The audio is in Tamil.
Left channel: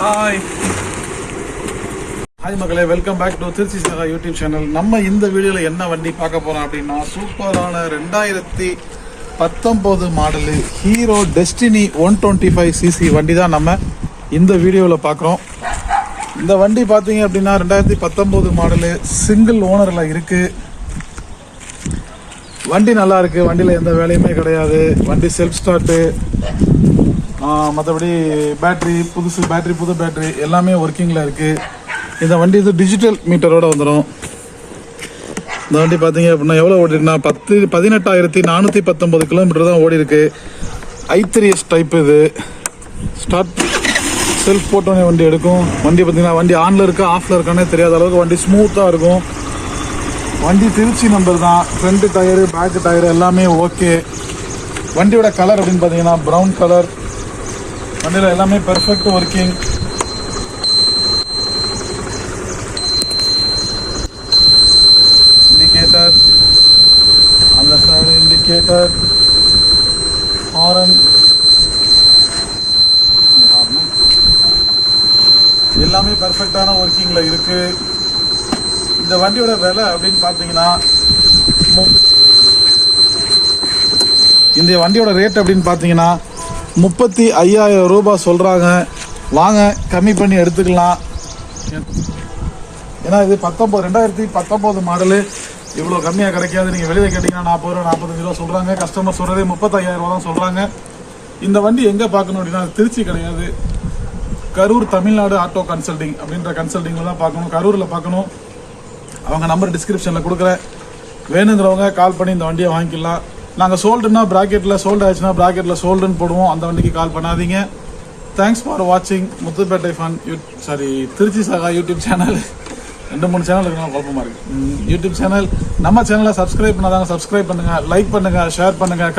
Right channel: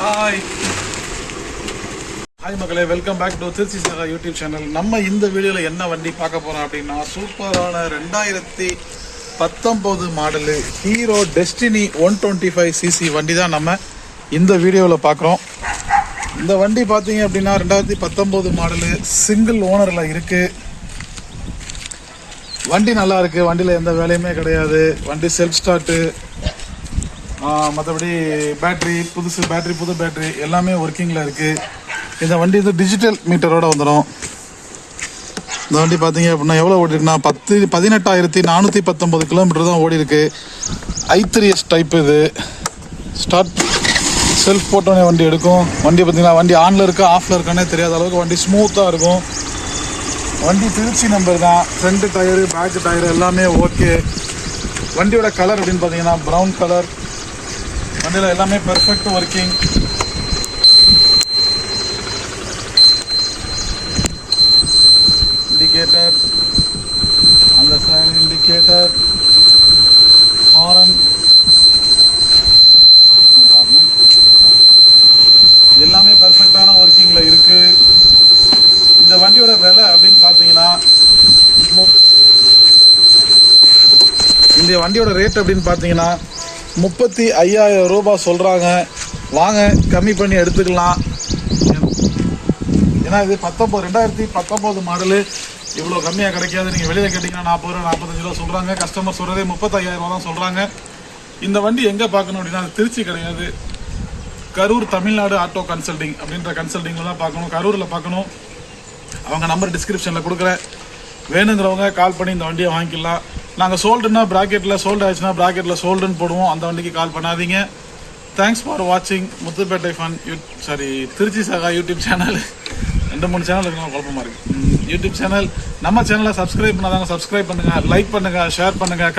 ஹாய் மக்களே, welcome back to Tiruchi Saga YouTube channel. நம்ம இந்த வீடியோவில் என்ன வண்டி பார்க்க போகிறோம் அப்படின்னா, சூப்பரான 2019 மாடலு ஹீரோ டெஸ்டினி 125cc வண்டி தான் நம்ம இந்த வீடியோவில் பார்க்குறோம். இந்த வண்டி பார்த்தீங்க அப்படின்னா 2019 மாடலு சிங்கிள் ஓனரில் இருக்குது. வண்டி நல்லா இருக்குது, வண்டியில் எந்த வேலையுமே கிடையாது. வண்டி செல்ஃப் ஸ்டார்ட்டு, மற்றபடி பேட்ரி புது பேட்ரி எல்லாமே ஒர்க்கிங்கில் இருக்குது. இந்த வண்டி இது டிஜிட்டல் மீட்டரோடு வந்துடும். இந்த வண்டி பார்த்தீங்க அப்படின்னா எவ்வளோ ஓடிருக்குன்னா 18,419 கிலோமீட்டர் தான் ஓடி இருக்கு. i3s type. இது ஸ்டார்ட் செல்ஃப் போட்டோன்னே வண்டி எடுக்கும். வண்டி பார்த்தீங்கன்னா வண்டி ஆனில் இருக்கா ஆஃபில் இருக்கானே தெரியாத அளவுக்கு வண்டி ஸ்மூத்தாக இருக்கும். வண்டி திருச்சி நம்பர் தான். ஃப்ரண்ட் டயரு பேக் டயரு எல்லாமே ஓகே. வண்டியோட கலர் அப்படின்னு பார்த்தீங்கன்னா ப்ரௌன் கலர். வண்டியில் எல்லாமே பெர்ஃபெக்ட் ஒர்க்கிங். இண்டிகேட்டர், அந்த சைடு இண்டிகேட்டர், ஹாரன் எல்லாமே பெர்ஃபெக்டான ஒர்க்கிங்கில் இருக்குது. இந்த வண்டியோட விலை அப்படின்னு பார்த்தீங்கன்னா இந்த வண்டியோட ரேட் அப்படின்னு பார்த்தீங்கன்னா 35,000 ரூபாய் சொல்கிறாங்க. வாங்க கம்மி பண்ணி எடுத்துக்கலாம். ஏன்னா இது 2019 மாடலு, இவ்வளோ கம்மியாக கிடைக்காது. நீங்கள் வெளியில் கேட்டிங்கன்னா 40 ரூபா 45 ரூபா சொல்கிறாங்க. கஸ்டமர் சொல்கிறதே 35,000 ரூபா தான் சொல்கிறாங்க. இந்த வண்டி எங்கே பார்க்கணும் அப்படின்னா திருச்சி கிடையாது, கரூர் தமிழ்நாடு ஆட்டோ கன்சல்டிங் அப்படின்ற கன்சல்டிங்கில் தான் பார்க்கணும். கரூரில் பார்க்கணும். அவங்க நம்பர் டிஸ்கிரிப்ஷனில் கொடுக்குறேன். வேணுங்கிறவங்க கால் பண்ணி இந்த வண்டியை வாங்கிக்கலாம். நாங்கள் சோல்டுன்னா ப்ராக்கெட்டில், சோல்டு ஆச்சுன்னா ப்ராக்கெட்டில் சோல்டுன்னு போடுவோம். அந்த வண்டிக்கு கால் பண்ணாதீங்க. தேங்க்ஸ் ஃபார் வாட்சிங் Muthupettai fun Trichy Saga YouTube channel. 2-3 channel இருக்குன்னா குழப்பமாக இருக்குது. யூடியூப் சேனல் நம்ம சேனலை சப்ஸ்கிரைப் பண்ணாதாங்க. சப்ஸ்கிரைப் பண்ணுங்கள், லைக் பண்ணுங்கள், ஷேர் பண்ணுங்கள்.